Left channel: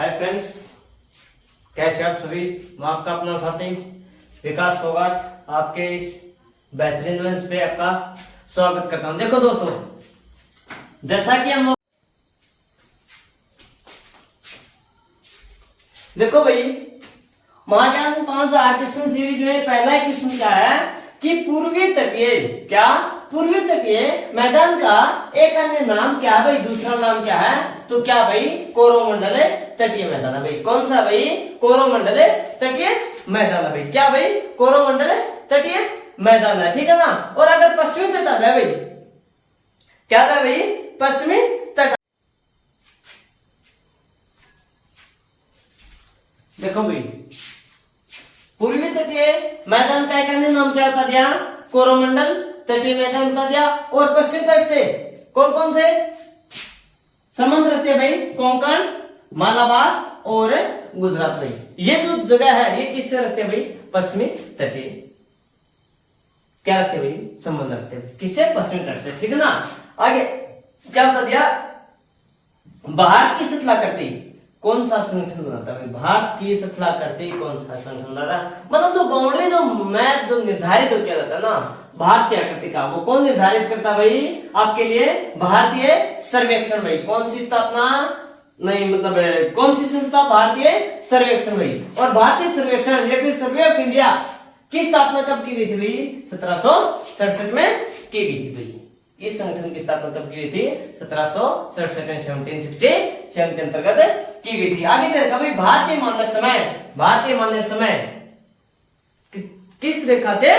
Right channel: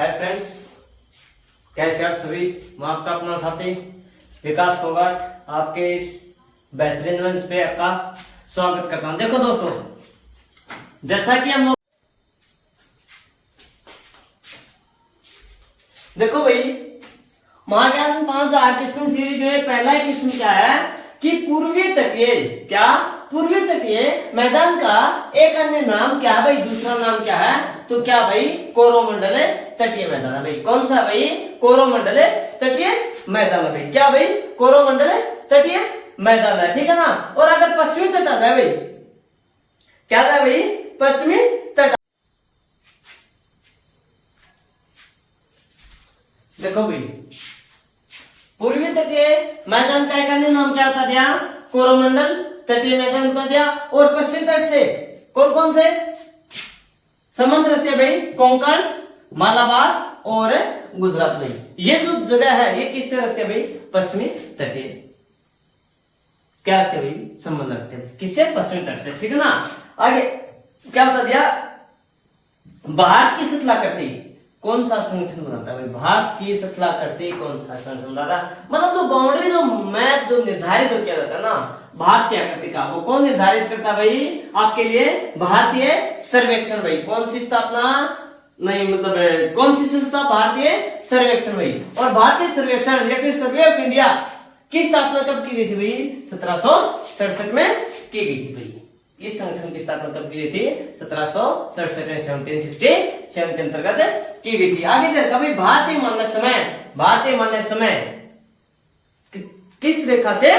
Hi friends, कैसे आप सभी। मैं आपका अपना साथी विकास फोगाट आपके इस बेहतरीन मंच पे आपका स्वागत करता हूं। देखो दोस्तों, जैसा कि हम लोग देखो भाई, महाज्ञान 5000 क्वेश्चन सीरीज में पहला क्वेश्चन क्या है कि पूर्वीय तटीय मैदान का एक अन्य नाम क्या है भाई, दूसरा नाम क्या है। तो क्या भाई, कोरोमंडल तटीय मैदान है भाई। कौन सा भाई, कोरोमंडल तटीय मैदान है भाई। क्या भाई, कोरोमंडल तटीय मैदान है, ठीक है ना। और अगर पश्चिमी तट आता है भाई, क्या था भाई, पश्चिमी तट। देखो भाई, पूर्वी तटीय मैदान का एक अन्य नाम क्या बता दिया, कोरोमंडल तटीय मैदान बता दिया। और पश्चिम तट से कौन कौन से समुद्र रहते हैं भाई, कोंकण, मालाबार और गुजरात भाई। ये जो जगह है ये किससे रखते हैं भाई, पश्चिमी तटीय क्या रखते हैं भाई, संबंध रखते हैं किससे, पश्चिमी तट से, ठीक है ना। आगे क्या बता दिया, भारत की शतलाकर्ती कौन सा संगठन बनाता है भाई, भारत की शतलाकर्ती कौन सा संगठन बनाता है। मतलब जो बाउंड्री, जो मैप जो निर्धारित हो क्या रहता है ना भारतीय आकृति का, वो कौन निर्धारित करता है भाई आपके लिए, भारतीय सर्वेक्षण भाई। कौन सी स्थापना, नहीं मतलब कौन सी संस्था, भारतीय सर्वेक्षण भाई। और भारतीय सर्वेक्षण या फिर सर्वे ऑफ इंडिया की स्थापना कब की गई थी भाई, 1767 में की गई थी भाई। इस संगठन की स्थापना कब की गई थी, 1767 में, 1767 के अंतर्गत की गई थी। आगे देखा भाई, भारतीय मानक समय किस रेखा से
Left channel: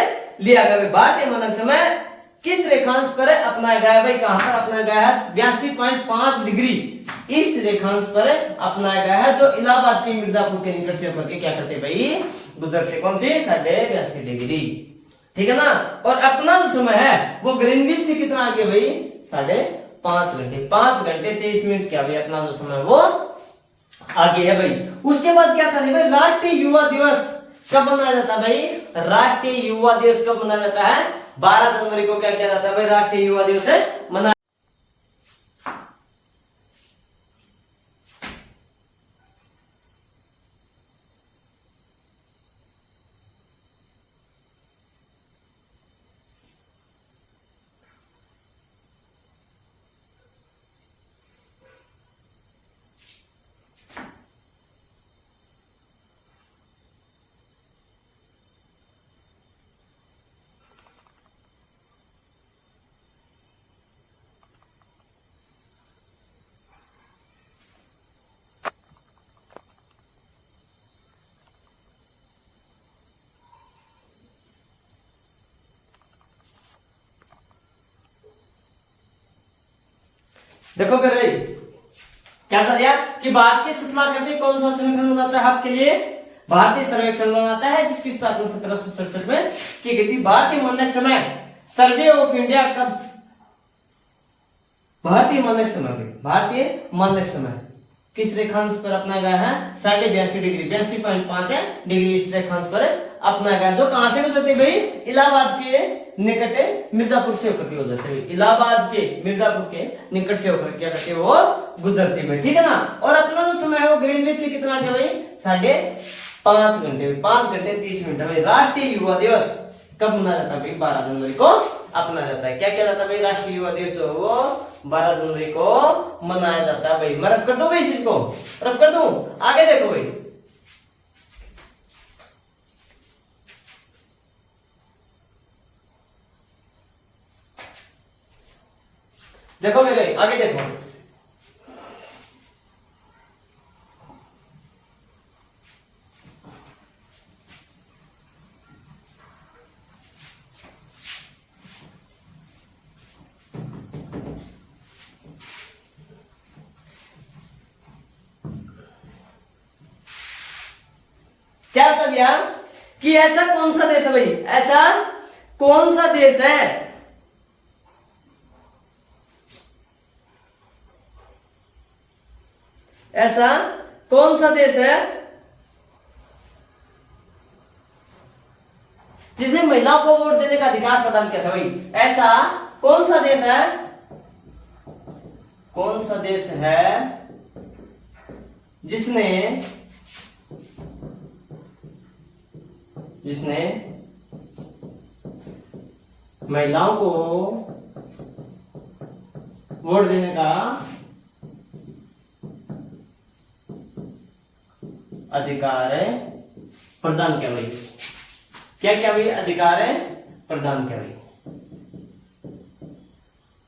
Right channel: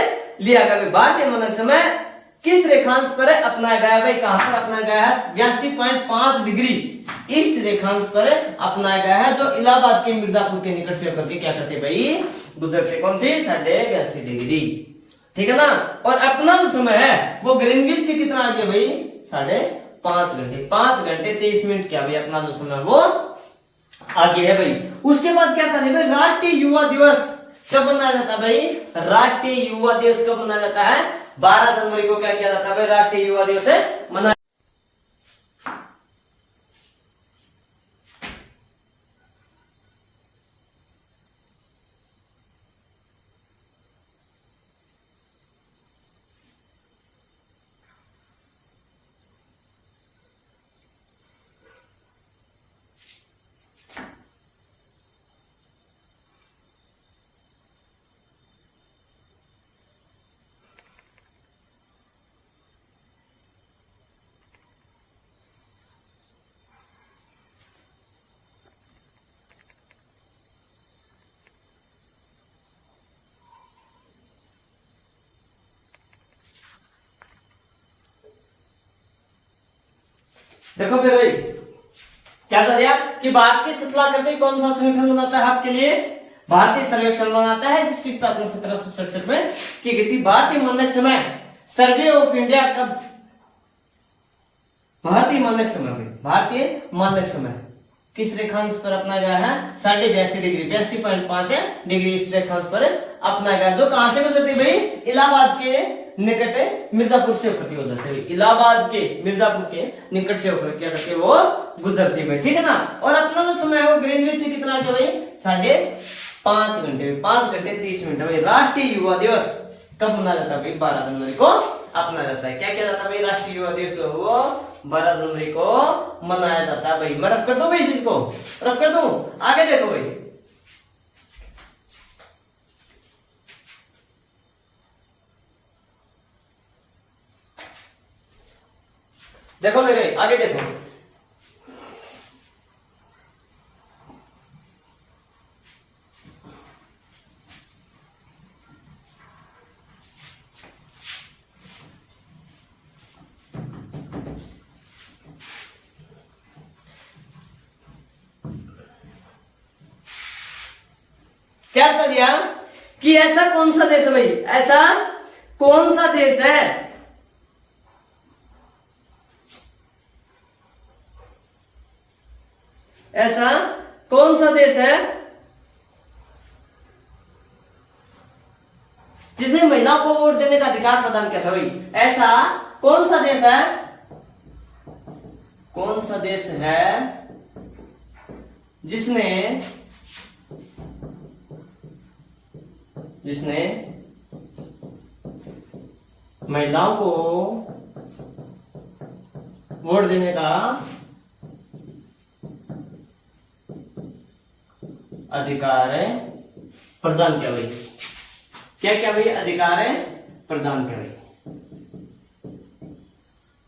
लिया गया भाई, भारतीय मानक समय किस रेखांश पर अपनाया गया भाई, कहां पर अपनाया गया है, 82.5 डिग्री ईस्ट रेखांश पर अपनाया गया है, जो इलाहाबाद के मिर्जापुर के निकट से होकर के क्या करते भाई, गुजरते। कौन सी, 82.5 डिग्री, ठीक है ना। और अपना जो समय है वो ग्रीनविच से कितना आगे भाई, 5.5 घंटे, 5 घंटे 23 मिनट क्या भाई, अपना जो समय वो आगे है भाई। उसके बाद क्या था भाई, राष्ट्रीय युवा दिवस कब मनाया जाता है भाई, राष्ट्रीय युवा दिवस कब मनाया जाता है, 12 जनवरी को क्या किया जाता है भाई, राष्ट्रीय युवा दिवस मनाया। देखो फिर भाई, क्या कर दिया कि भारत की शतलाकर्ती कौन सा संगठन बनाता है आपके लिए, भारतीय सर्वेक्षण बनाता है, जिसकी स्थापना 1767 में की गई थी। भारतीय मानक समय, सर्वे ऑफ इंडिया कब, भारतीय मानक समय किस रेखांश पर अपनाया गया है, 82.5 डिग्री, 82.5 डिग्री इस रेखांश पर अपनाया गया, जो कहां से गुजरते भाई, इलाहाबाद के निकट मिर्जापुर से होकर के गुजरते हुए, इलाहाबाद के मिर्जापुर के निकट से होकर क्या करते वो गुजरते हुए, ठीक है ना। और अपना जो समय है वो ग्रीनविच से कितना आ गया भाई, 5.5 घंटे, 5 घंटे 30 मिनट भाई। राष्ट्रीय युवा दिवस कब मनाया जाता है भाई, 12 जनवरी को अपनाया जाता है। क्या क्या जाता है भाई, राष्ट्रीय युवा दिवस वो 12 जनवरी को मनाया जाता है भाई। मैं रफ कर दूं भाई, इस चीज को रफ कर दूं। आगे देखो भाई, देखो मेरे आगे देखो, क्या बता दिया कि ऐसा कौन सा देश है भाई, ऐसा कौन सा देश है, ऐसा कौन सा देश है जिसने महिलाओं को वोट देने का अधिकार प्रदान किया था भाई। ऐसा कौन सा देश है, कौन सा देश है जिसने महिलाओं को वोट देने का अधिकार प्रदान किया भाई। क्या क्या भाई? अधिकार प्रदान किया भाई।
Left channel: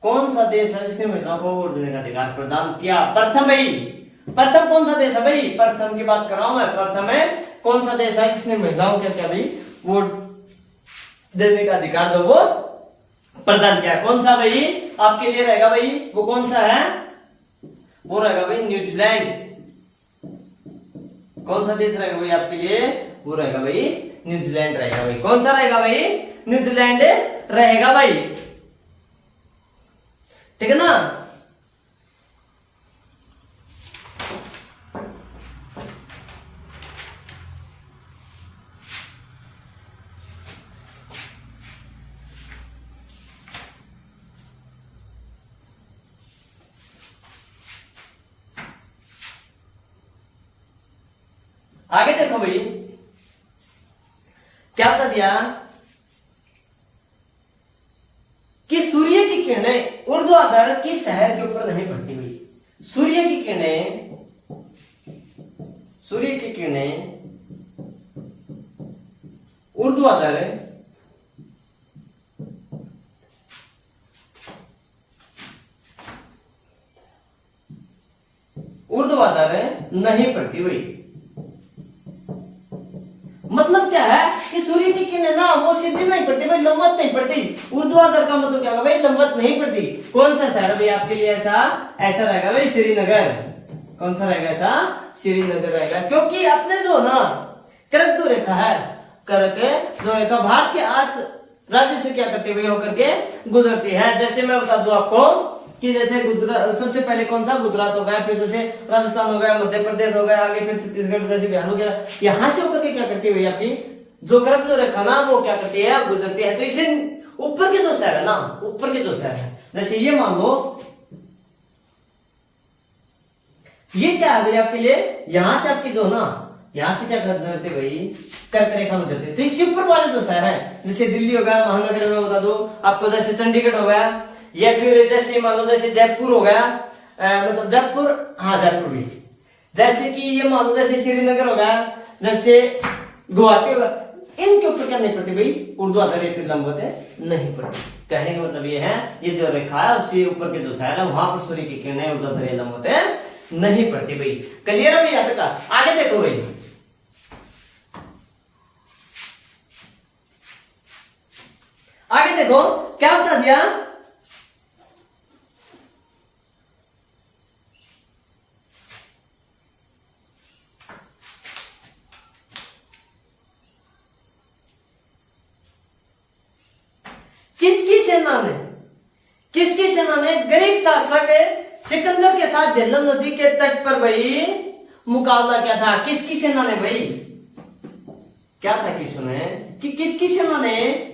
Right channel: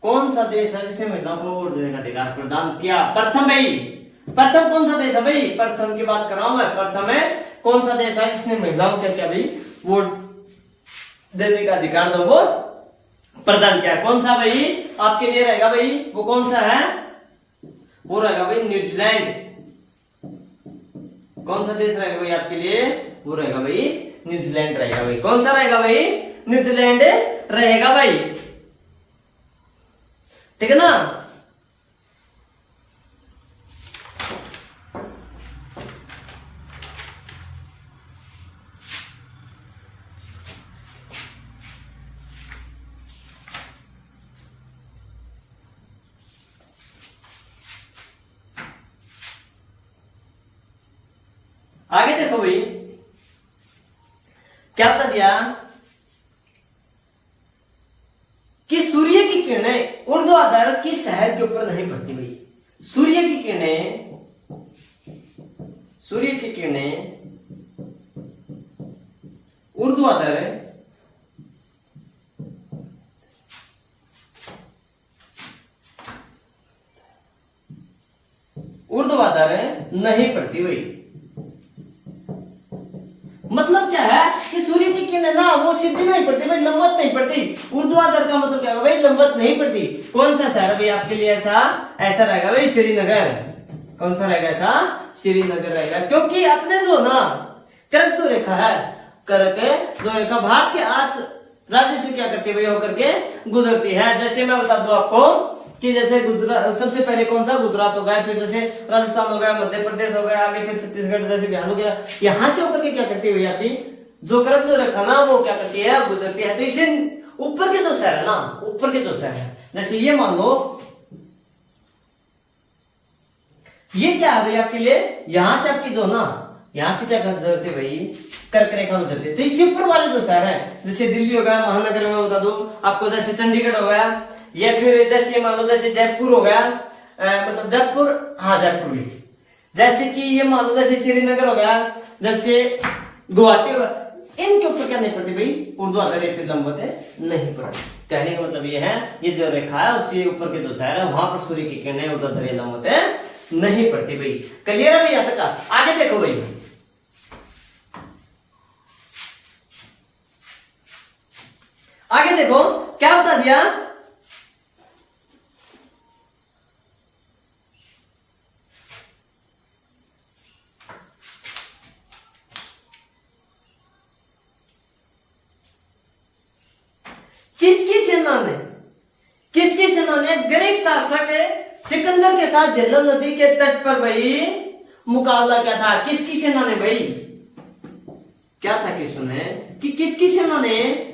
कौन सा देश है जिसने महिलाओं को वोट देने का अधिकार प्रदान किया? प्रथम भाई, प्रथम कौन सा देश है भाई? प्रथम की बात कर रहा हूं मैं। प्रथम है कौन सा देश है जिसने महिलाओं को क्या भाई वोट देने का अधिकार जो वो प्रदान किया? कौन सा भाई आपके लिए रहेगा भाई? वो कौन सा है? वो रहेगा भाई न्यूजीलैंड। कौन सा देश रहेगा भाई आपके लिए? वो रहेगा भाई न्यूजीलैंड रहेगा भाई। कौन सा रहेगा भाई? न्यूजीलैंड रहेगा भाई। ठीक है ना? आगे देखो भाई क्या बता दिया कि सूर्य की किरणें ऊर्ध्वाधर की शहर के ऊपर नहीं पड़ती भाई। सूर्य की किरणें ऊर्ध्वाधर नहीं पड़ती भाई। मतलब क्या है कि सूर्य की किरणें ना वो सीधी नहीं पड़ती भाई, लंबवत नहीं पड़ती। ऊर्ध्वाधर का मतलब क्या है भाई? लंबवत नहीं पड़ती। कौन सा शहर भाई आपके लिए ऐसा रहेगा भाई? श्रीनगर। कौन सा रहेगा ऐसा? श्रीनगर रहेगा। क्योंकि अपने जो ना कर्क जो रेखा है, कर्क जो रेखा भारत के 8 राज्य से क्या करती है होकर के गुजरती है। जैसे मैं बता दूं आपको कि जैसे गुजरात सबसे पहले कौन सा? गुजरात हो गया, फिर जैसे राजस्थान हो गया, मध्य प्रदेश हो गया, आगे फिर छत्तीसगढ़, जैसे बिहार हो गया। यहां से होकर के क्या करती है आपकी जो कर्क जो रेखा ना वो क्या करती है? गुजरती है। तो इसे ऊपर के जो शहर है ना, ऊपर के जो शहर है, जैसे ये मान लो ये क्या है भाई आपके लिए? यहां से आपकी जो ना यहां से क्या गुजरती है भाई? कर्क रेखा गुजरती है। तो इससे ऊपर वाले जो शहर है, जैसे दिल्ली हो गया, महानगर में बता दो आपको, जैसे चंडीगढ़ हो गया, या फिर जैसे मान लो जैसे जयपुर हो गया, मतलब जयपुर, हाँ जयपुर भी, जैसे कि ये मान लो जैसे श्रीनगर हो गया, जैसे गुवाहाटी हो गया, इनके ऊपर क्या नहीं पड़ती भाई? ऊर्ध्वाधर लंबवत नहीं पड़ती। कहने का मतलब ये है ये जो रेखा है उसके ऊपर के जो शहर है वहां पर सूर्य की किरणें ऊर्ध्वाधर लंबवत नहीं पड़ती भाई। क्लियर है भैया तक? आगे देखो भाई, आगे देखो क्या बता दिया किसकी सेना ने ग्रीक शासक सिकंदर के साथ झेलम नदी के तट पर भाई मुकाबला किया था? किसकी सेना ने भाई क्या था कि सुने कि किसकी सेना ने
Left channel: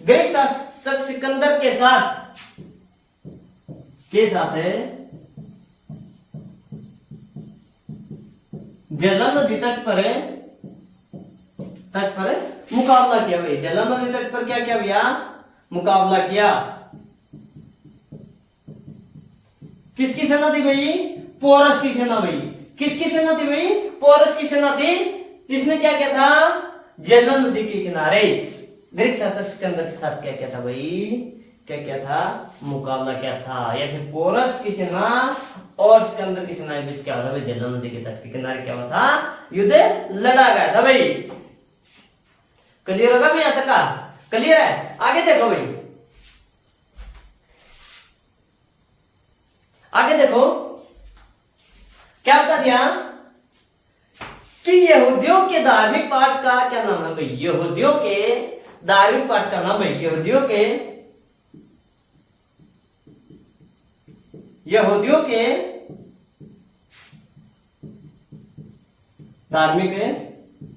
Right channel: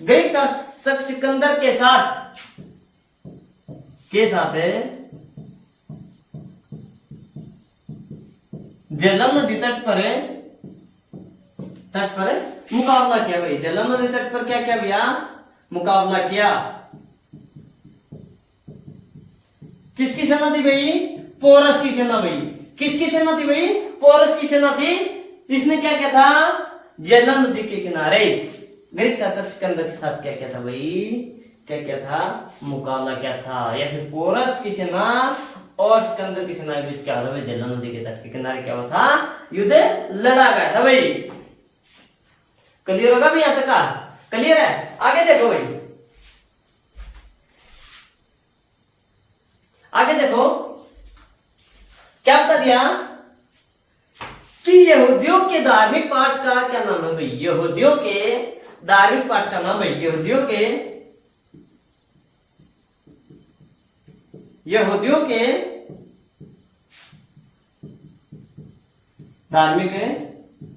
ग्रीक शासक सिकंदर के साथ है झेलम नदी तट पर मुकाबला किया भाई। झेलम नदी तट पर क्या क्या भैया? मुकाबला किया। किसकी सेना थी भाई? पोरस की सेना भाई। किसकी सेना थी भाई? पोरस की सेना थी। इसने क्या किया था? झेलम नदी के किनारे ग्रीक शासक सिकंदर के साथ क्या किया था भाई? क्या था? मुकाबला क्या था? या फिर पोरस की सेना और सिकंदर की सेना के बीच क्या था भाई? झेलम नदी के तट के किनारे क्या हुआ था? युद्ध लड़ा गया था भाई। क्लियर होगा मैं? यहां तक का क्लियर है? आगे देखो भाई, आगे देखो क्या बता दिया कि यहूदियों के धार्मिक पाठ का क्या नाम है भाई? यहूदियों के धार्मिक पाठ का नाम है यहूदियों के धार्मिक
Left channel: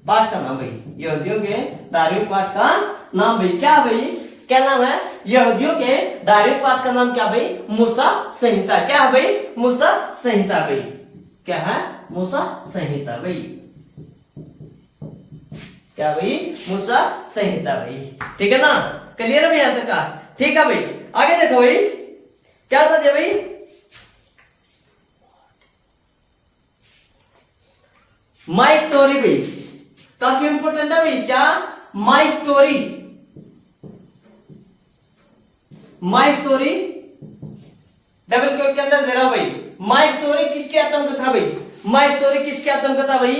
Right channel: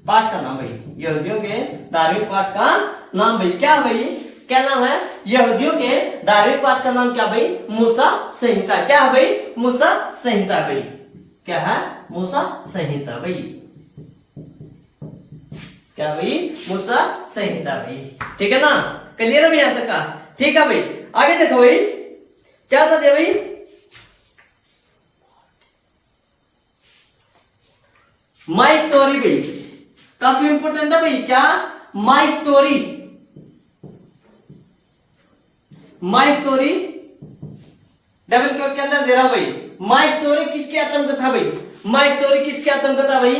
पाठ का नाम भाई, यहूदियों के धार्मिक पाठ का नाम भाई क्या भाई, क्या नाम है यहूदियों के धार्मिक पाठ का नाम क्या भाई, मूसा संहिता। क्या है भाई, मूसा संहिता भाई, क्या है मूसा संहिता भाई, क्या भाई मूसा संहिता भाई। ठीक है ना, क्लियर है भाई यहां तक का। ठीक है भाई, आगे देखो भाई क्या था भाई, माई स्टोरी भाई, काफी इंपोर्टेंट है भाई। क्या, माई story, my story double quote के अंदर दे रहा हूं भाई। माई स्टोरी किसकी आत्मकथा भाई, माई स्टोरी किसकी आत्मकथा भाई,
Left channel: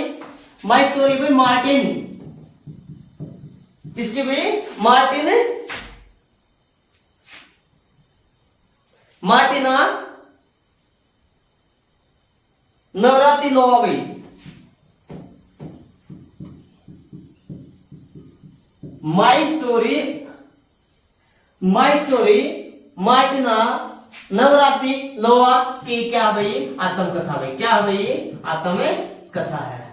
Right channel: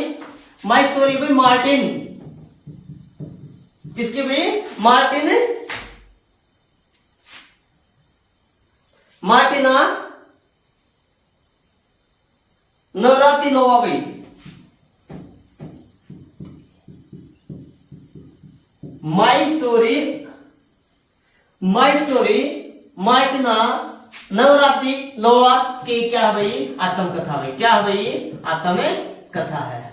माई स्टोरी भाई मार्टिन, किसकी भाई, मार्टिन, मार्टिना नवरातिनोवा भाई, my story, my story Martina Navratilova की क्या भाई, आत्मकथा भाई, क्या भाई आत्मकथा है।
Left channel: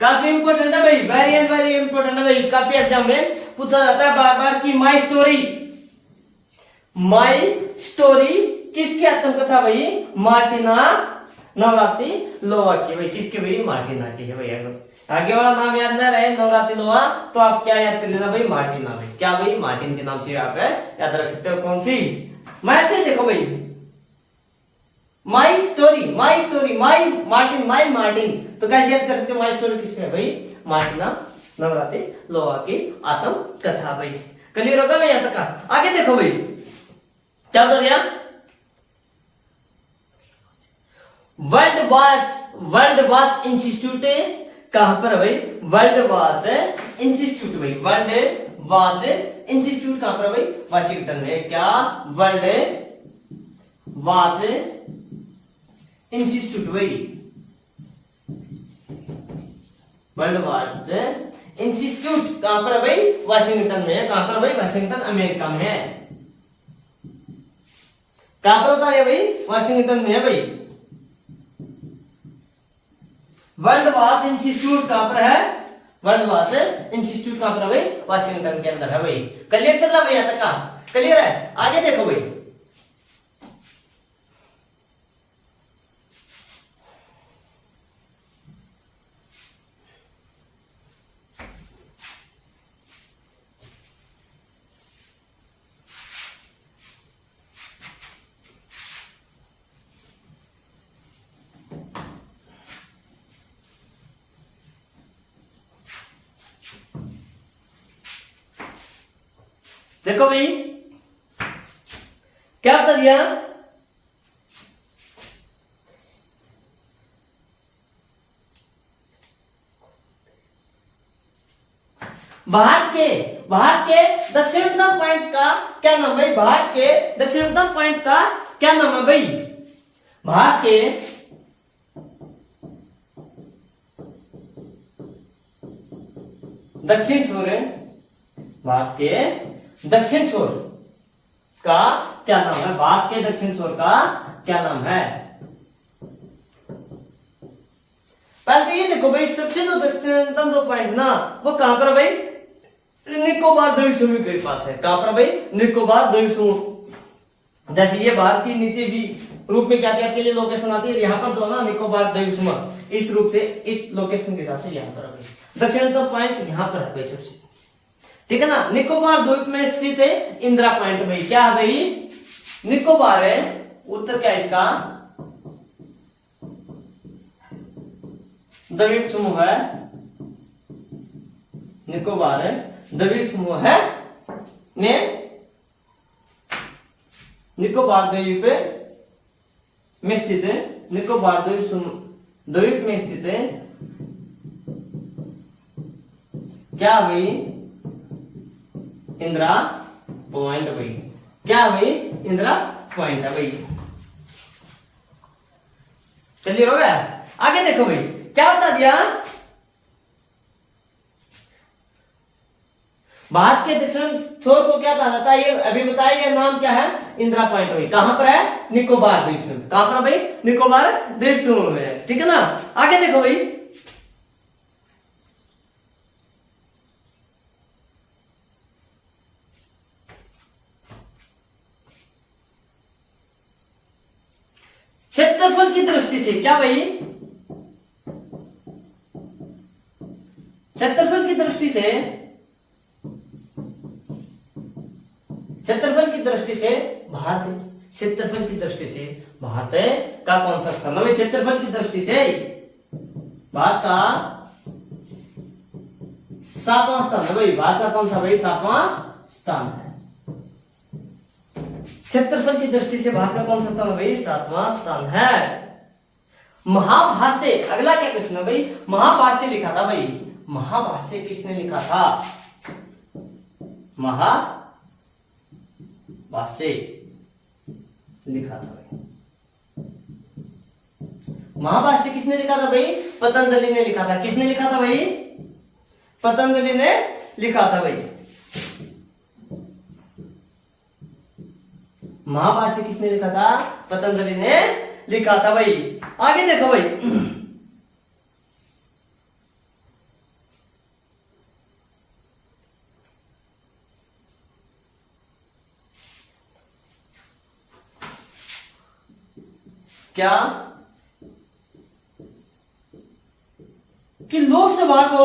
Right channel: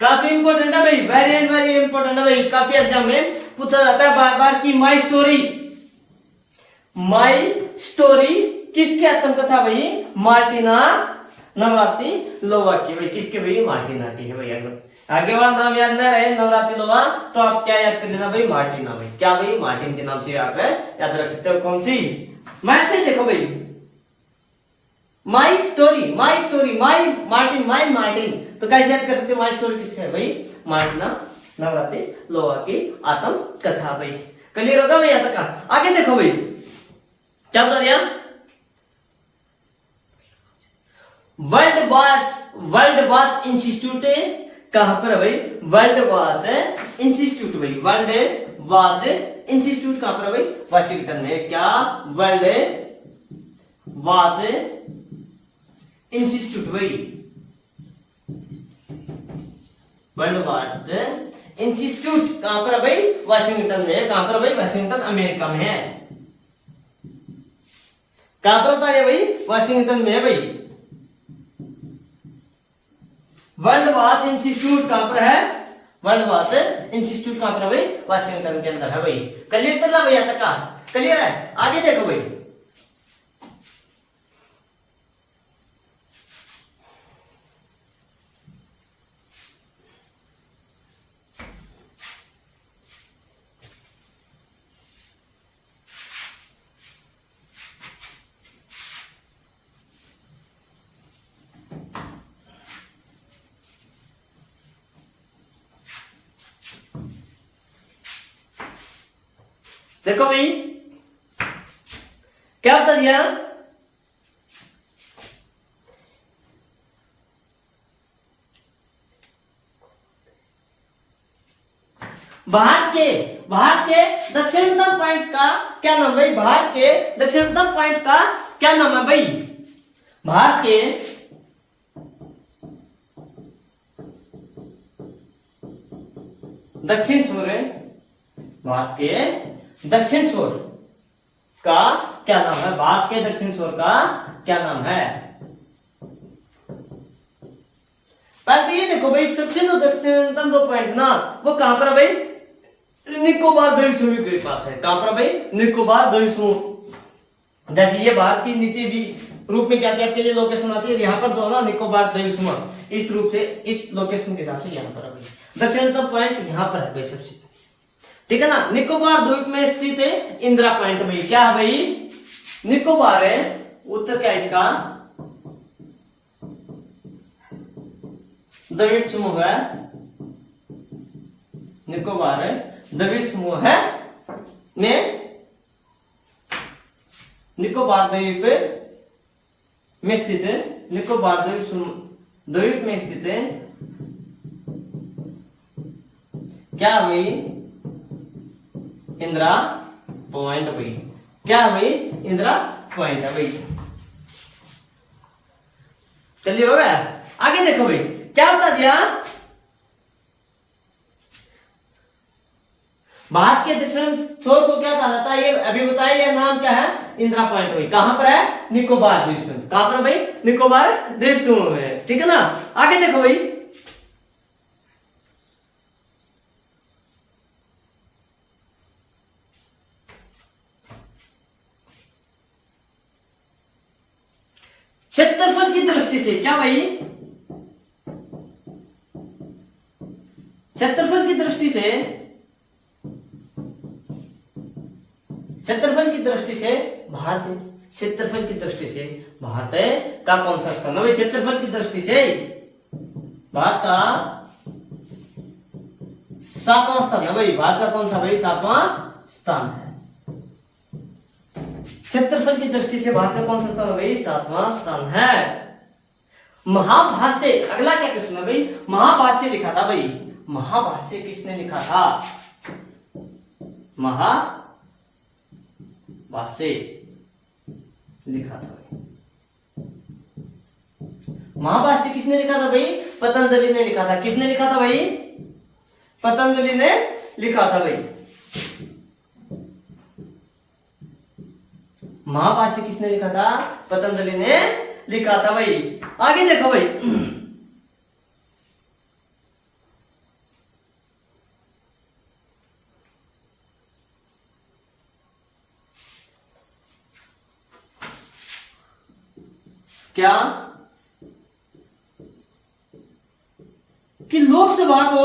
काफी इंपोर्टेंट है भाई, वेरी इंपोर्टेंट है भाई, काफी एग्जाम में पूछा जाता है बार बार की माई स्टोरी, माई स्टोरी किसकी आत्मकथा भाई, मार्टिना नवरातिनोवा की भाई, किसकी भाई, मार्टिना की है भाई। आगे वाला नाम याद ना रहे नवरातिनोवा तो आप क्या याद कर लेना भाई, मार्टिना भाई, क्या भाई मार्टिन के नाम से आप याद रख सकते हो। कौन सी, मैसेज देखो भाई, my story, my story, my Martin, my Martin, तो कैसे याद कर सकते हो, माई स्टोरी किससे है भाई, मार्टिना नवरातिनोवा की आत्मकथा भाई। क्लियर होगा भाई यहां तक। आगे देखो भाई क्या बता दिया, वर्ल्ड वॉच इंस्टीट्यूट कहां पर है भाई, वर्ल्ड वॉच इंस्टीट्यूट भाई, वर्ल्ड वॉच इंस्टीट्यूट कहां पर है भाई, वाशिंगटन में। क्या, वर्ल्ड वॉच इंस्टीट्यूट भाई, वर्ल्ड वॉच इंस्टीट्यूट कहां पर है भाई, वाशिंगटन में। कहां पर भाई, वाशिंगटन अमेरिका में है। कहां पर होता है भाई, वाशिंगटन में है भाई। वर्ल्ड वॉच इंस्टीट्यूट कहां पर है, वर्ल्ड वॉच इंस्टीट्यूट कहां पर है भाई, वाशिंगटन के अंदर है भाई। क्लियर चल रहा भाई यहां तक का, क्लियर है। आगे देखो भाई देखो भाई क्या बता दिया, भारत के दक्षिणतम पॉइंट का क्या नाम भाई, भारत के दक्षिणतम पॉइंट का क्या नाम है भाई, भारत के दक्षिण छोर, भारत के दक्षिण छोर का क्या नाम है, भारत के दक्षिण छोर का क्या नाम है। पहले तो ये देखो भाई, सबसे जो दक्षिणतम जो पॉइंट ना वो कहां पर है भाई, निकोबार द्वीप समूह के पास है। कहां पर भाई, निकोबार द्वीप समूह। जैसे ये भारत की नीति भी रूप में क्या आती है आपके लिए लोकेशन आती है, यहाँ पर जो ना निकोबार द्वीप समूह इस रूप से, इस लोकेशन के हिसाब से यहाँ पर है भाई, दक्षिणतम पॉइंट यहाँ पर है भाई सबसे। ठीक है ना, निकोबार द्वीप में स्थित है इंदिरा पॉइंट भाई। क्या है भाई, निकोबार है, उत्तर क्या है इसका, द्वीप समूह है, निकोबार है द्वीप समूह है में, निकोबार द्वीप में स्थित है, निकोबार द्वीप में स्थित है क्या भाई, इंदिरा पॉइंट भाई। क्या भाई, इंदिरा पॉइंट है भाई। क्लियर हो गया। आगे देखो भाई क्या बता दिया, भारत के दक्षिण छोर को क्या कहा जाता है, ये अभी बताया, ये नाम क्या है, इंदिरा पॉइंट भाई कहां पर है? निकोबार द्वीप समूह। कहां पर भाई? निकोबार द्वीप समूह में है। ठीक है ना। आगे देखो भाई, क्षेत्रफल की दृष्टि से क्या भाई? क्षेत्रफल की दृष्टि से, क्षेत्रफल की दृष्टि से भारत, क्षेत्रफल की दृष्टि से भारत का कौन सा स्थान है? क्षेत्रफल की दृष्टि से भारत का 7वां स्थान है भाई। भारत का कौन सा भाई? 7वां स्थान है। क्षेत्रफल की दृष्टि से भारत का कौन सा स्थान है भाई? 7वां स्थान है। महाभाष्य, अगला क्या क्वेश्चन है भाई? महाभाष्य लिखा था भाई। महाभाष्य किसने लिखा था? महाभाष्य लिखा था भाई। महाभाष्य किसने लिखा था भाई? पतंजलि ने लिखा था। किसने लिखा था भाई? पतंजलि ने लिखा था भाई। महाभाष्य किसने लिखा था? पतंजलि ने लिखा था भाई। आगे देखो भाई, क्या कि लोकसभा को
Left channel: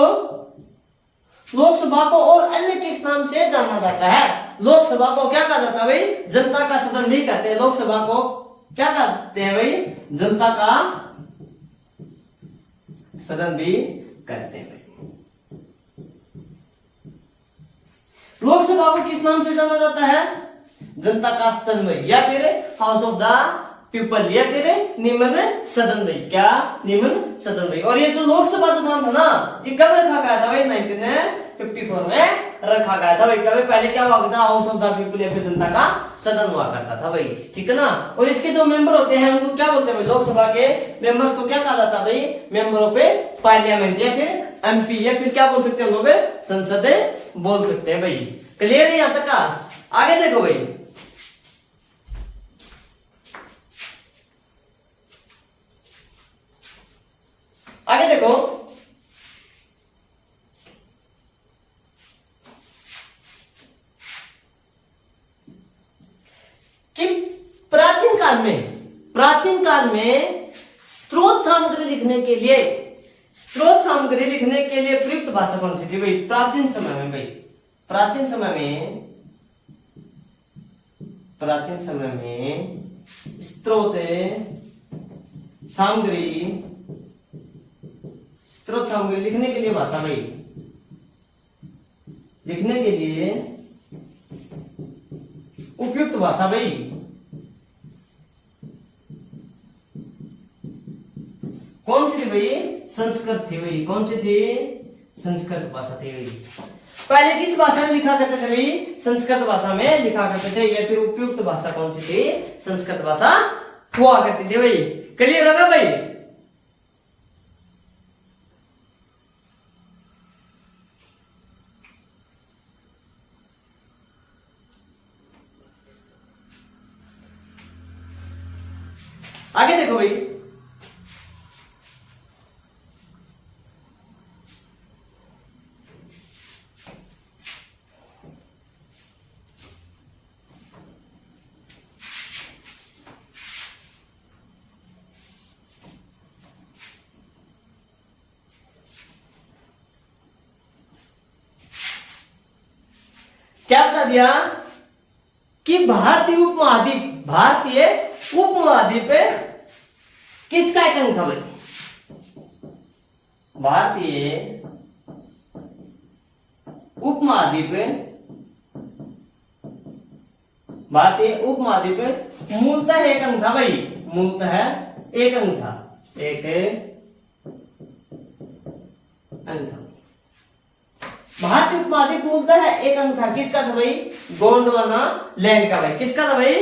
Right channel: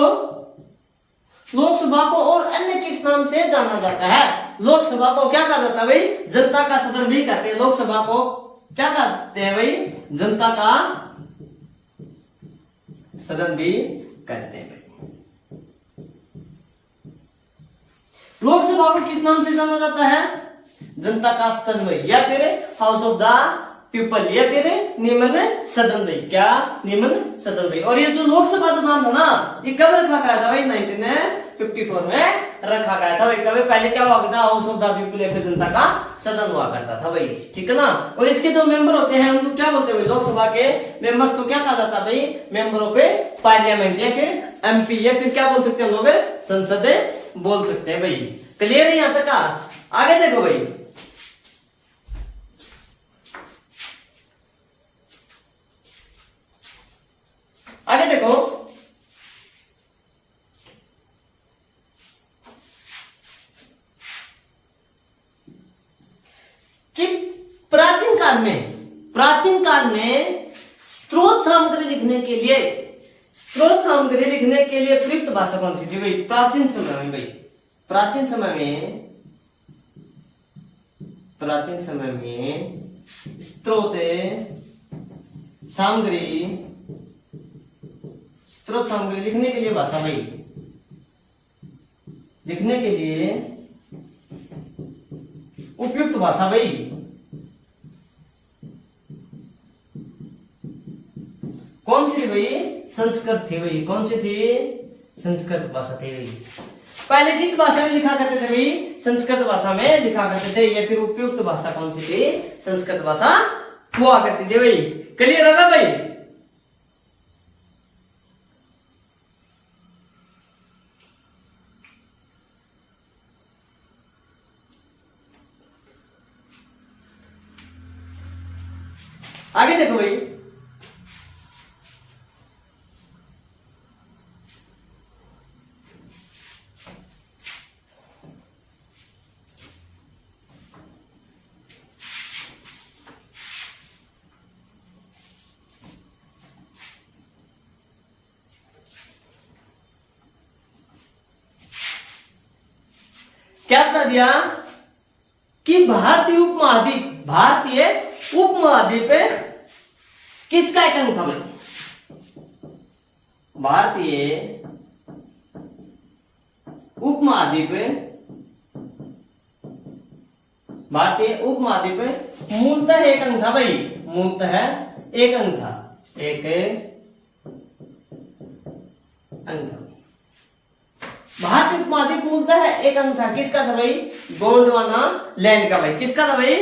और अन्य किस नाम से जाना जाता है? लोकसभा को क्या कहा जाता है भाई? जनता का सदन भी कहते हैं। लोकसभा को क्या कहते हैं भाई? जनता का सदन भी कहते हैं भाई। लोकसभा को किस नाम से जाना जाता है? जनता का सदन भाई, या फिर हाउस ऑफ द पीपल, या फिर निम्न सदन भाई। क्या? निम्न सदन भाई। और ये जो लोकसभा जो नाम है ना, ये कब रखा गया था भाई? 1954 में रखा गया था भाई। कभी पहले क्या हुआ करता? हाउस ऑफ द पीपल या फिर जनता का सदन हुआ करता था भाई। ठीक है ना। और इसके जो मेंबर होते हैं उनको क्या बोलते हैं भाई? लोकसभा के मेंबर्स को क्या कहा जाता है भाई? मेंबर ऑफ पार्लियामेंट, या फिर एमपी, या फिर क्या बोल सकते हैं हम लोग? संसद बोल सकते हैं भाई। क्लियर है यहां तक का? आगे देखो भाई, आगे देखो, कि प्राचीन काल में स्रोत सामग्री लिखने के लिए, प्रयुक्त भाषा कौन सी थी भाई? प्राचीन समय में भाई, प्राचीन समय में स्रोत सामग्री लिखने के लिए भाषा भाई, लिखने के लिए उपयुक्त भाषा भाई कौन सी थी भाई? संस्कृत थी भाई। कौन सी थी? संस्कृत भाषा थी भाई। पहले किस भाषा में लिखा करते थे भाई? संस्कृत भाषा में लिखा करते थे। या फिर उपयुक्त भाषा कौन सी थी? संस्कृत भाषा हुआ करती थी भाई। क्लियर होगा भाई? आगे देखो भाई, क्या बता दिया कि भारतीय उपमहाद्वीप किसका एक अंग था भाई? भारतीय उपमहाद्वीप मूलतः एक अंग था भाई। मूलतः एक अंग था, एक अंग था। भारतीय उपमहाद्वीप मूलतः एक अंग था। किसका था भाई? गोंडवाना लैंड का भाई। किसका था भाई?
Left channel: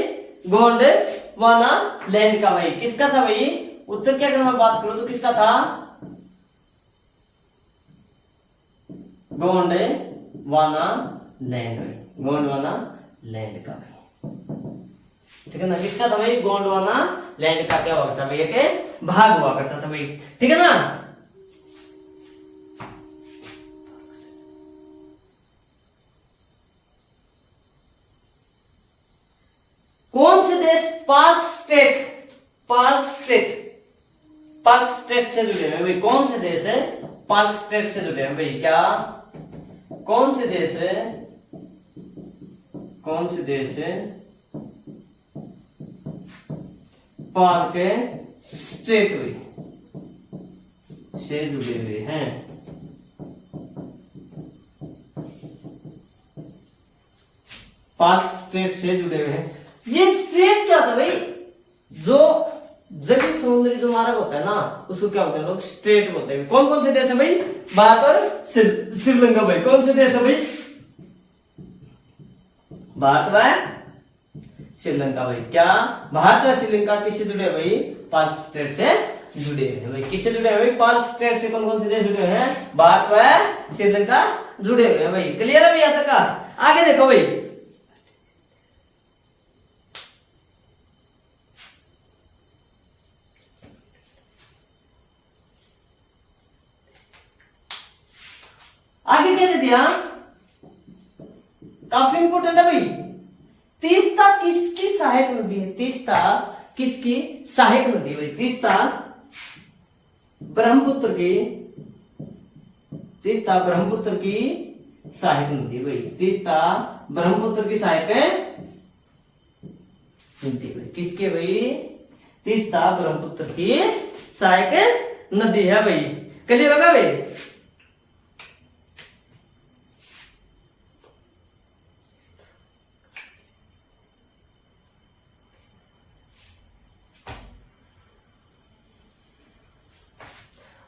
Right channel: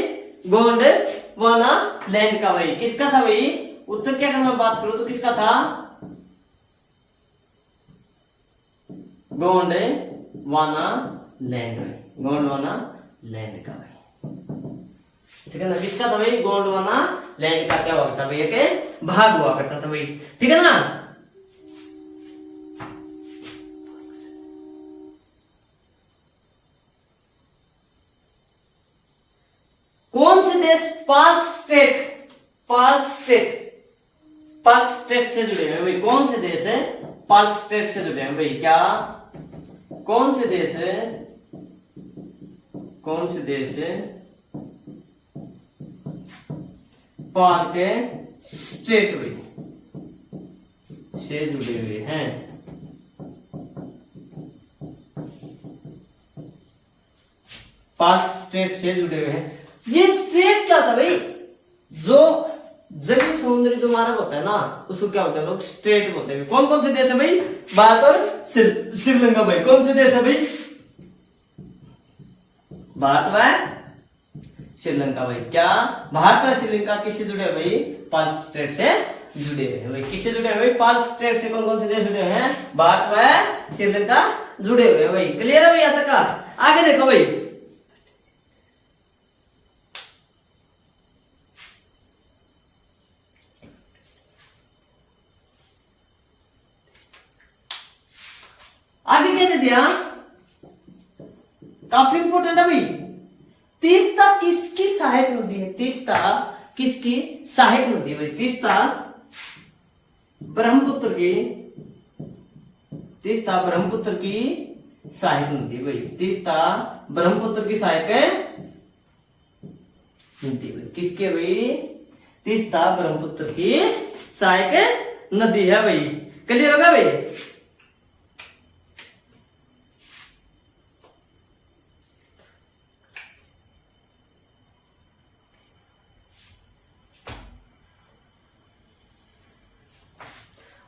गोंडवाना लैंड का भाई। किसका था भाई? उत्तर की अगर मैं बात करूं तो किसका था? गोंडवाना लैंड का भाई। ठीक है ना। जिसका था भाई गोंडवाना लैंड का क्या हुआ करता भाई, एक भाग हुआ करता था भाई, ठीक है ना। कौन से देश पाक स्टेट से जुड़े हैं भाई, कौन से देश है पाक स्टेट से जुड़े हैं भाई, क्या कौन से देश है पाक स्टेट से जुड़े हुए हैं। पाक स्टेट से जुड़े हुए हैं। ये स्टेट क्या था भाई, जो जलीय समुद्री जो मार्ग होता है ना, उसको क्या बोलते हैं लोग, स्टेट बोलते हैं। कौन कौन से देश है भाई, भारत और श्रीलंका भाई। कौन से देश है भाई, भारत व श्रीलंका भाई। क्या भारत व श्रीलंका किससे जुड़े हैं भाई, पाक स्टेट से जुड़े हैं भाई। किससे जुड़े हैं भाई, पाक स्टेट से कौन कौन से देश जुड़े हैं, भारत व श्रीलंका जुड़े हुए हैं भाई। क्लियर है भाई यहाँ तक। आगे देखो भाई, आगे क्या दिया, काफी इंपोर्टेंट है भाई। तीस्ता किसकी सहायक नदी है, तीस्ता किसकी सहायक नदी भाई, तीस्ता ब्रह्मपुत्र की सहायक नदी भाई, तीस्ता ब्रह्मपुत्र की सहायक नदी भाई। किसकी है भाई, तीस्ता ब्रह्मपुत्र की सहायक नदी है भाई। क्लियर होगा भाई।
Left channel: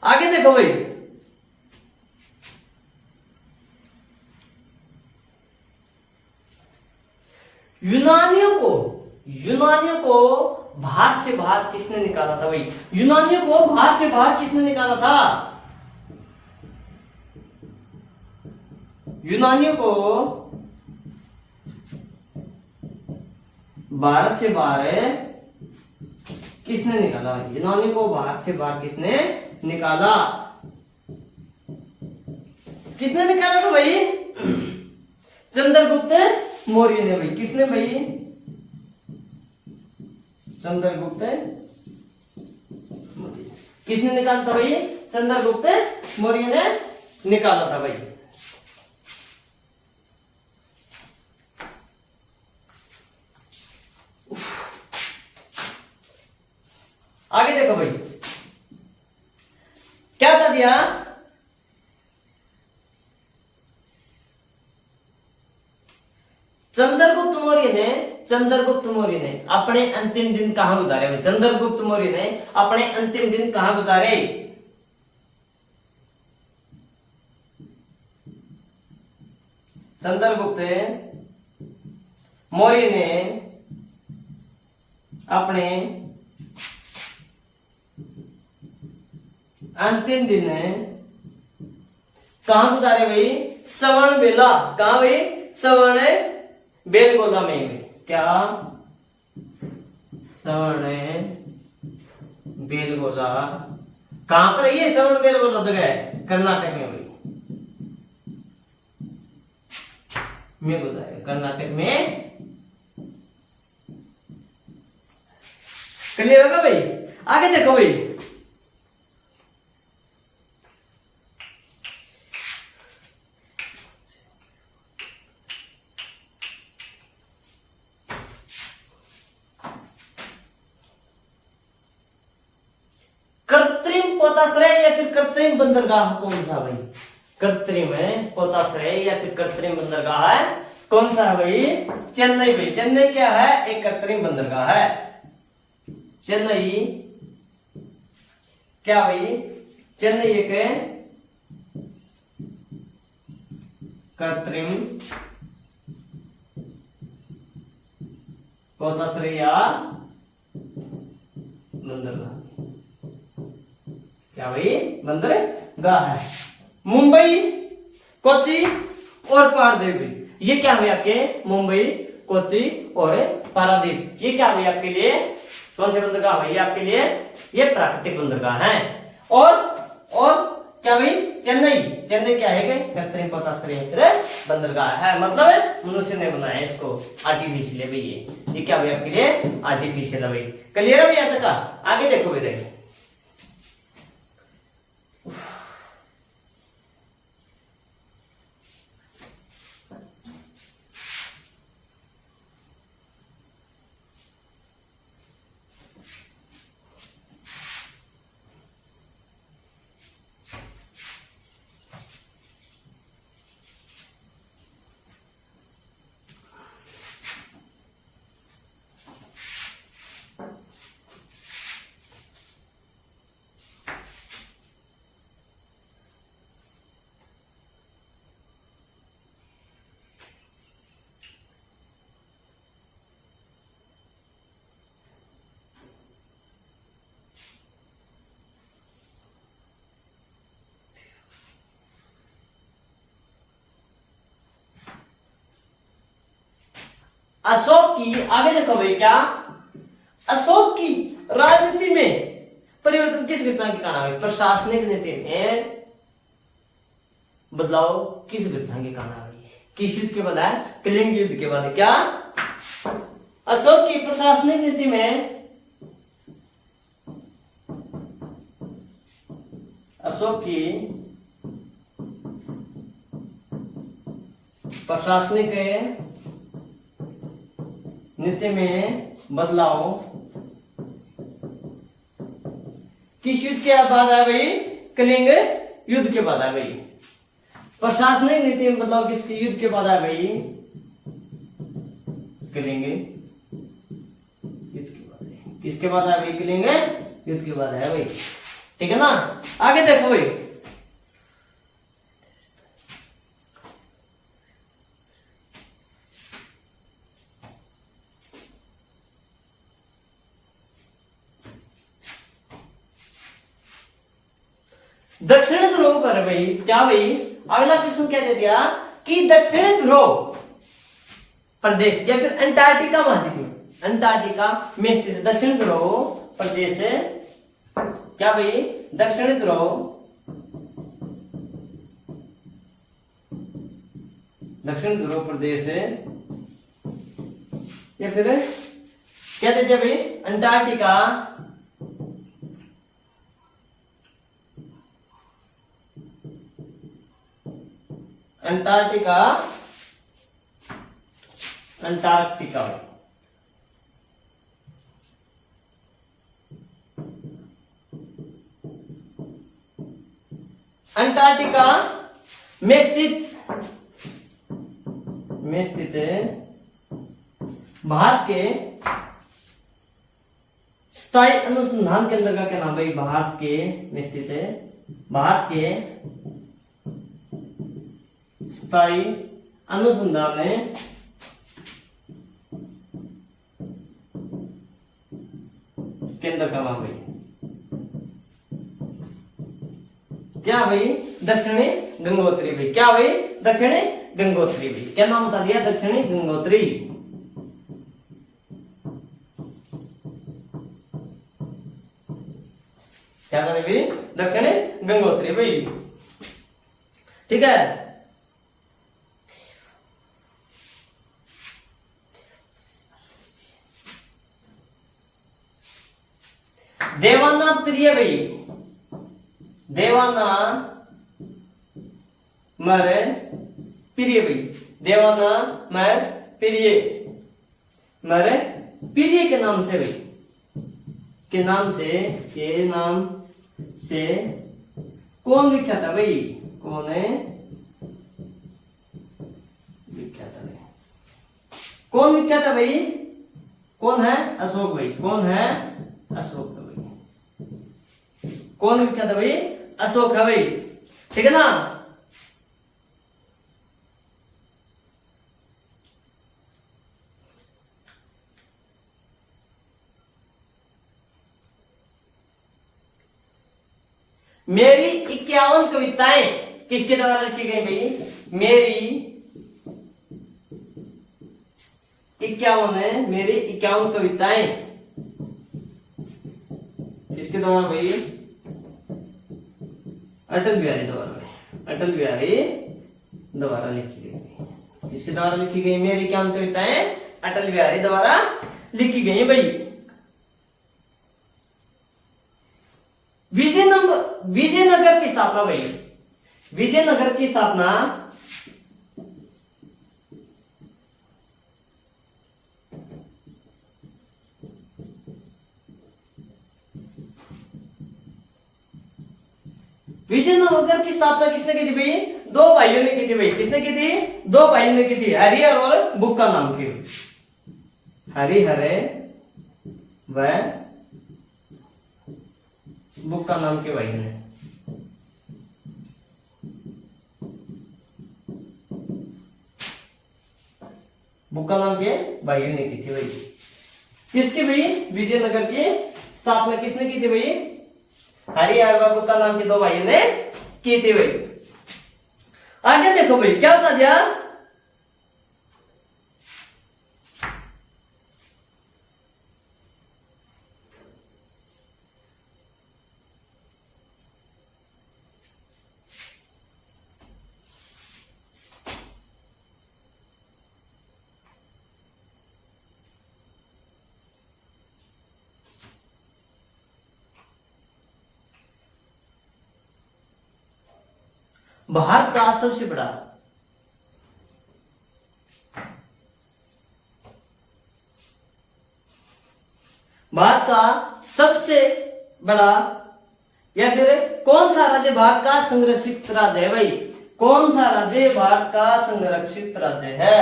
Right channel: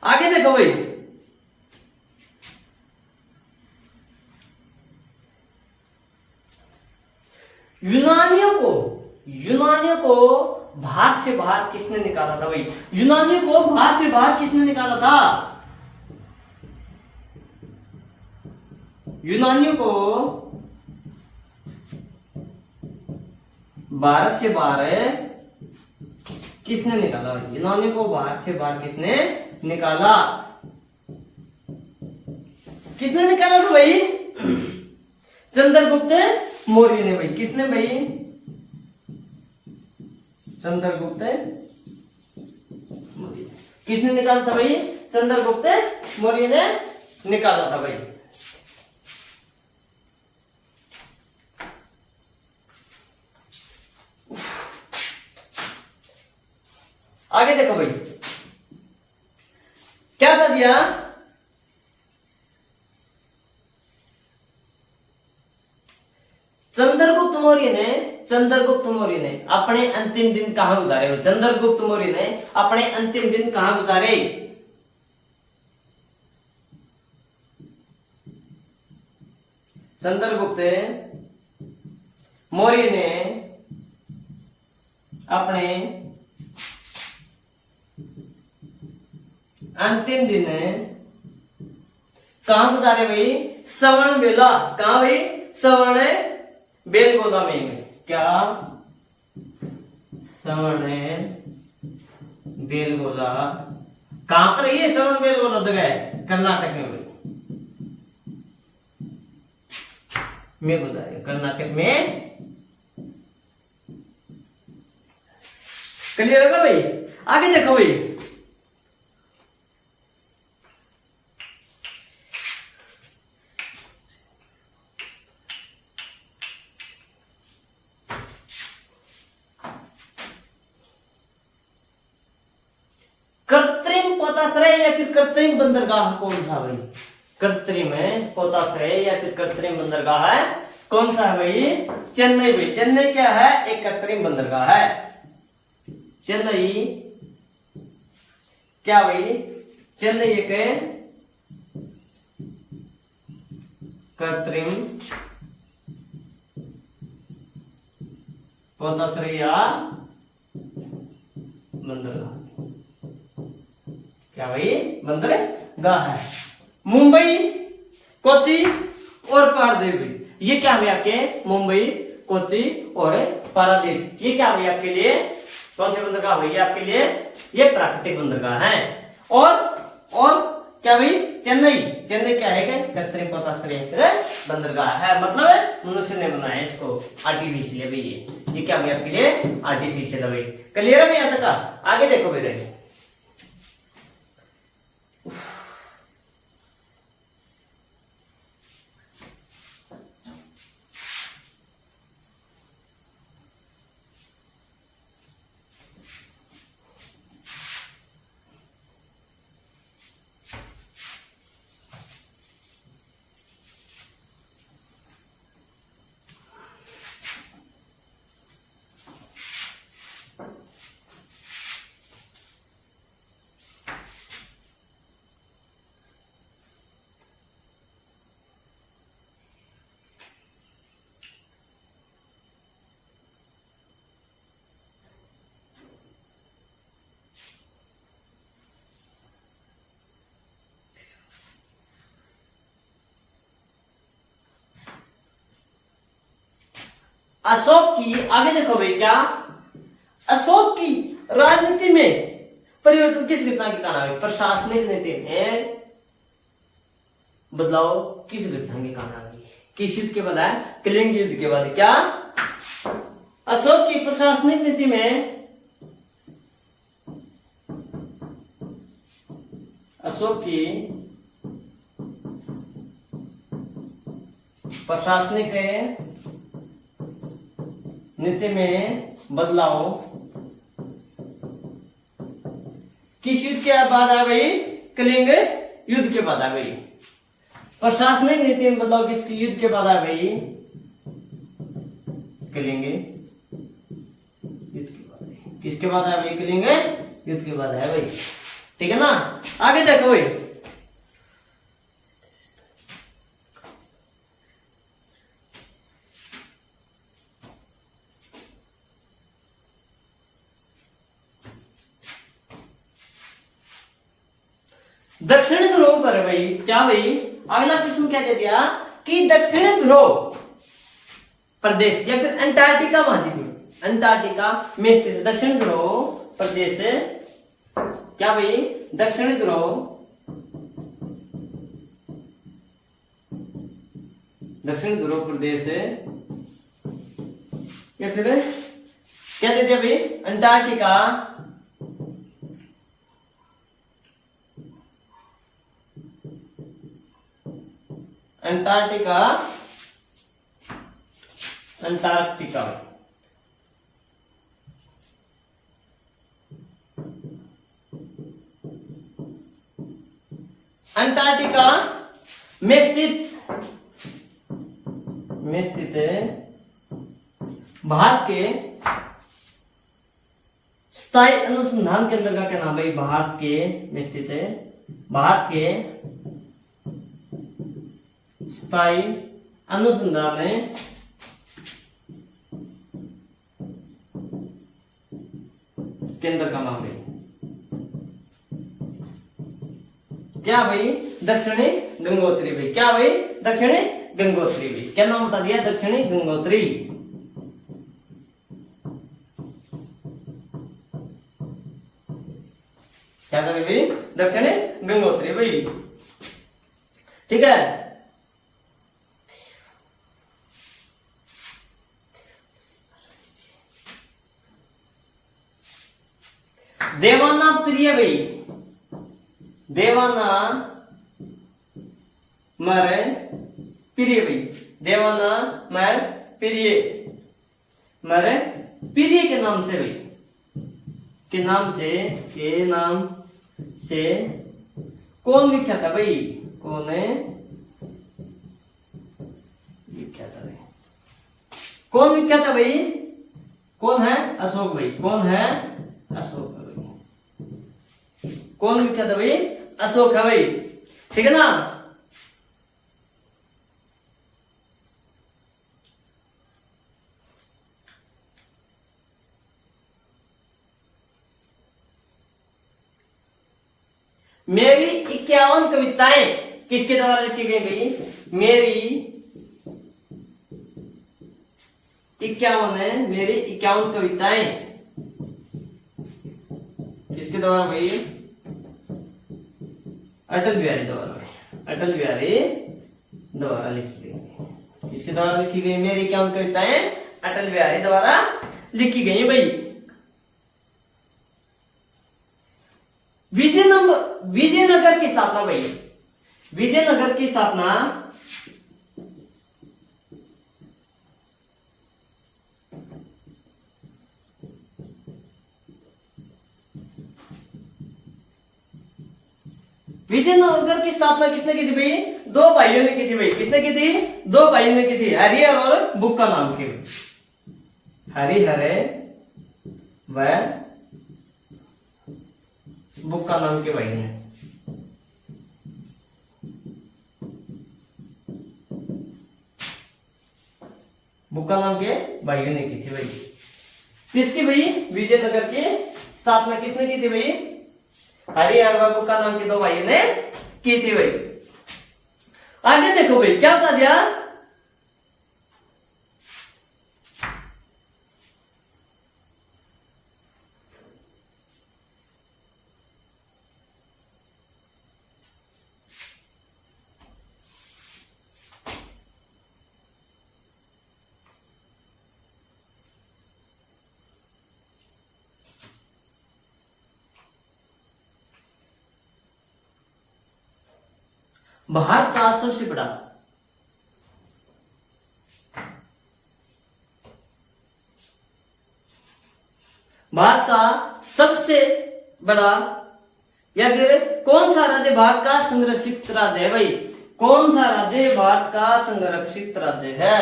आगे देखो भाई, यूनानियों को भारत से बाहर किसने निकाला था भाई, यूनानियों को भारत से बाहर किसने निकाला था, यूनानियों को भारत से बाहर किसने निकाला, यूनानियों को भारत से बाहर किसने निकाला, किसने निकाला था भाई, चंद्रगुप्त मौर्य ने भाई। किसने भाई, चंद्रगुप्त मौर्य। किसने निकाला था भाई, चंद्रगुप्त मौर्य ने निकाला था भाई। आगे देखो भाई, क्या था दिया, चंद्रगुप्त मौर्य ने अपने अंतिम दिन कहां गुजारे भाई, चंद्रगुप्त मौर्य ने अपने अंतिम दिन कहां गुजारे, चंद्रगुप्त मौर्य ने अपने अंतिम दिन कहां गुजारे भाई, श्रवण बेला। कहां भाई, श्रवण बेलगोला में। क्या, श्रवण बेलगोला कहां पर, ये श्रवण बेलगोला जगह है कर्नाटक में भाई, में गुजारे कर्नाटक में। क्लियर होगा भाई। आगे देखो भाई, कृत्रिम पोताश्रय या फिर कृत्रिम बंदरगाह कौन सा भाई, कृत्रिम पोताश्रय या फिर कृत्रिम बंदरगाह है कौन सा है भाई, चेन्नई भाई। चेन्नई क्या है, एक कृत्रिम बंदरगाह है। चेन्नई क्या भाई, चेन्नई एक कृत्रिम पोताश्रय या बंदरगाह, क्या भाई, बंदरगाह है। मुंबई, कोच्चि और पारदीप, ये क्या है आपके, मुंबई, कोच्चि और पारादीप। ये क्या हुई आपके लिए, कौन से बंदरगाह हुई आपके लिए, ये प्राकृतिक बंदरगाह है। और क्या भाई, चेन्नई। चेन्नई क्या है, कृत्रिम पोताश्रय बंदरगाह है, मतलब मनुष्य ने बनाया इसको, आर्टिफिशियल है भाई। ये क्या भाई आपके लिए, आर्टिफिशियल है भाई। क्लियर है भैया तक? आगे देखो मेरे, अशोक की, आगे देखो भाई, क्या अशोक की राजनीति में परिवर्तन किस घटना के कारण हुई, प्रशासनिक नीति में बदलाव किस घटना के कारण हुई, किस युद्ध के बाद है, कलिंग युद्ध के बाद। क्या अशोक की प्रशासनिक नीति में, अशोक की प्रशासनिक नीति में बदलाव किस युद्ध के बाद आ गई, कलिंग युद्ध के बाद आ गई। प्रशासनिक नीति में बदलाव किस युद्ध के बाद आ गई, कलिंग युद्ध के बाद। किसके बाद आ गई, कलिंग युद्ध के बाद है भाई, ठीक है ना। आगे देखो भाई, दक्षिण ध्रुव पर भाई, क्या भाई, अगला प्रश्न क्या दे दिया कि दक्षिण ध्रुव प्रदेश या फिर अंटार्कटिका महाद्वीप, अंटार्कटिका में स्थित दक्षिण ध्रुव प्रदेश, क्या भाई, दक्षिण ध्रुव, दक्षिण ध्रुव प्रदेश या फिर क्या दे दिया भाई, अंटार्कटिका, अंटार्कटिका, अंटार्कटिका अंटार्कटिका में स्थित भारत के स्थायी अनुसंधान केंद्र का क्या नाम है, भारत के में स्थित है, भारत के स्थायी अनुसंधान केंद्र का नाम है क्या भाई, दक्षिणी गंगोत्री भी। क्या भाई, दक्षिणी गंगोत्री भी। क्या नाम बता दिया, दक्षिणी गंगोत्री। क्या करें भाई, दक्षिणी गंगोत्री भाई, ठीक है। देवाना प्रिय भाई, देवाना मर प्रिय भाई, देवाना मर प्रिय, मर प्रिय के नाम से भाई, के नाम से कौन विख्यात है भाई, कौन है विख्यात है, कौन विख्यात है भाई, कौन है, अशोक भाई, कौन है, अशोक है भाई, कौन विख्यात है भाई, अशोक है भाई, ठीक है ना। मेरी 51 कविताएं किसके द्वारा लिखी गई भाई, मेरी 51 है मेरी 51 कविताएं किसके द्वारा भाई? अटल बिहारी द्वारा, अटल बिहारी द्वारा लिखी गई। किसके द्वारा लिखी गई? मेरी 51 कविताएं अटल बिहारी द्वारा लिखी गई भाई। विजयनगर की स्थापना भाई, विजयनगर की स्थापना विजयनगर की स्थापना किसने की थी भाई? दो भाइयों ने की थी भाई। किसने की थी? दो भाइयों ने की थी, हरिहर और बुक्का नाम के। हरिहर व बुक्का नाम के भाई ने। बुक्का नाम के भाइयों ने की थी भाई। किसकी भाई? विजयनगर की स्थापना किसने की थी भाई? हरिहर व बुक्का नाम के दो भाइयों ने की थी भाई। आगे देखो भाई क्या बता दिया? भारत का सबसे बड़ा भारत का सबसे बड़ा या फिर कौन सा राज्य भारत का संरक्षित राज्य है भाई? कौन सा राज्य भारत का संरक्षित राज्य है?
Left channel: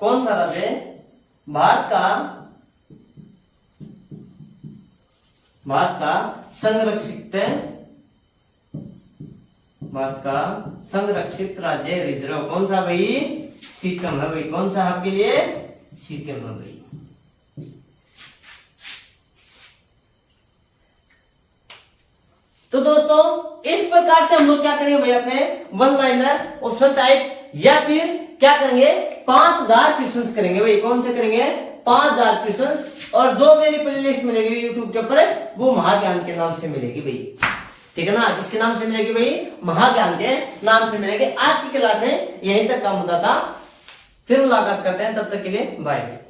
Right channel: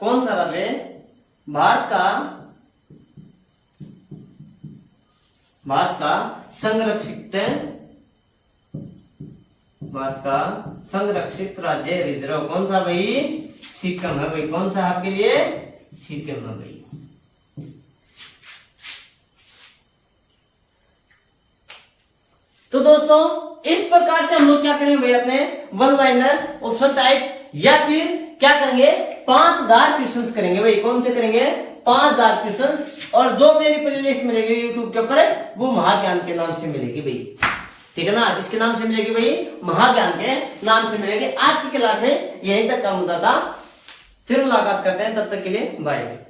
कौन सा राज्य भारत का संरक्षित राज्य रिजर्व कौन सा भाई? सिक्किम है भाई। कौन सा आपके लिए? सिक्किम है भाई। तो दोस्तों इस प्रकार से हम लोग क्या करेंगे भाई? अपने वन लाइनर ऑप्शन टाइप या फिर क्या करेंगे? 5000 क्वेश्चंस करेंगे भाई। कौन से करेंगे? 5000 क्वेश्चंस। और जो मेरी प्लेलिस्ट मिलेगी यूट्यूब के ऊपर वो महाज्ञान के नाम से मिलेगी भाई। ठीक है ना? किसके नाम से मिलेगी भाई? महाज्ञान के नाम से मिलेगी। आज की क्लास में यहीं तक का मुद्दा था। फिर मुलाकात करते हैं, तब तक के लिए बाय।